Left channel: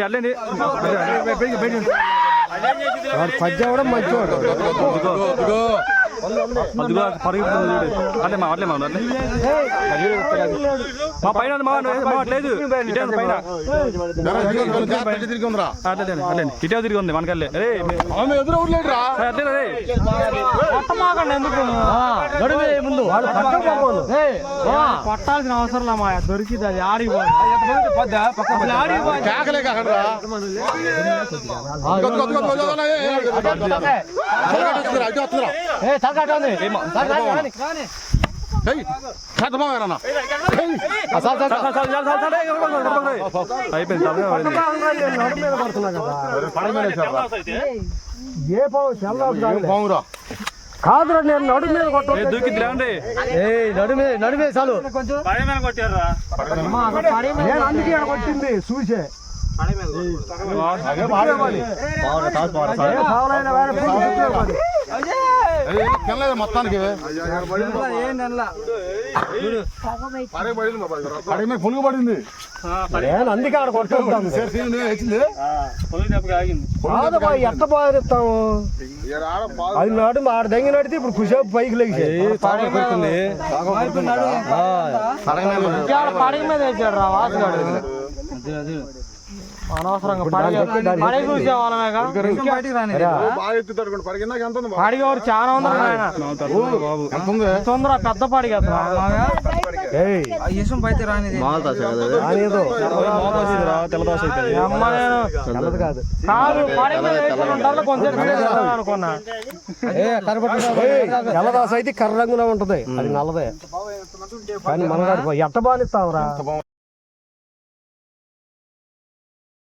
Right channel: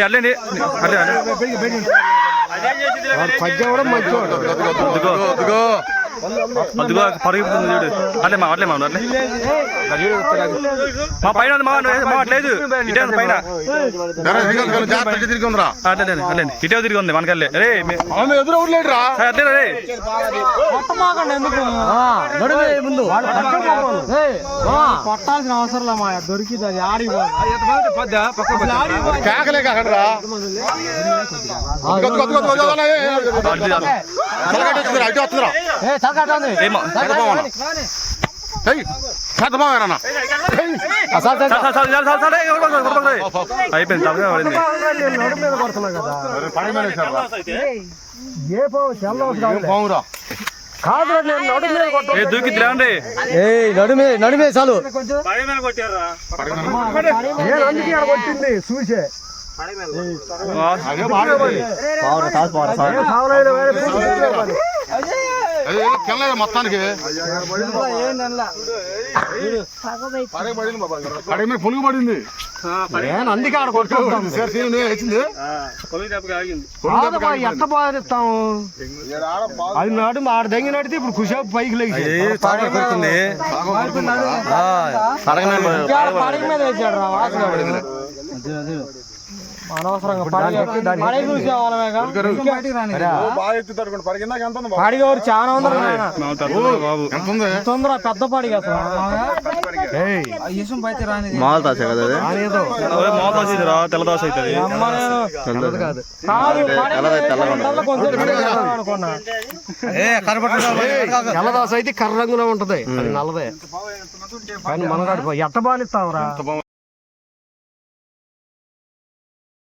అల్లేండి అల్లే అదిగో పరిగెత్తుంది చూడు అట్లే మా అట్లే మా మా పైన మా అట్లేదు ఇటే ఉంది పైన అట్లే అట్లే ఇటే తిరిగి ఉంది మనకల్లే రే అట్లే రే కొట్టాల్సిన అవసరం మా దొరికింది అది ఆడికి అయిపోయింది తప్పగా పడింది దూకిద్ది రండి నడుమే చాలు కొట్టింది చూసే మొత్తానికి పులుగు పడింది అందుకే ఆడ కొట్టుకుంటాం ఎట్ట బాధిస్తాం అది నాడు ఆడ దెంగి నడితే ఇప్పుడు కుసేపు పైకి లేచి పడగ మీద వేసాడు రా వాసన అనవసరంగా పడిగేవారు చాలా తొందర పెద్ద పడిగా తెల్లదోశ అవుతుంది తెల్లదోశ అయితే కర్ర రంగులో ఉంటది అది నల్లదే కానీ మన ఎట్ట బానిస్తావురా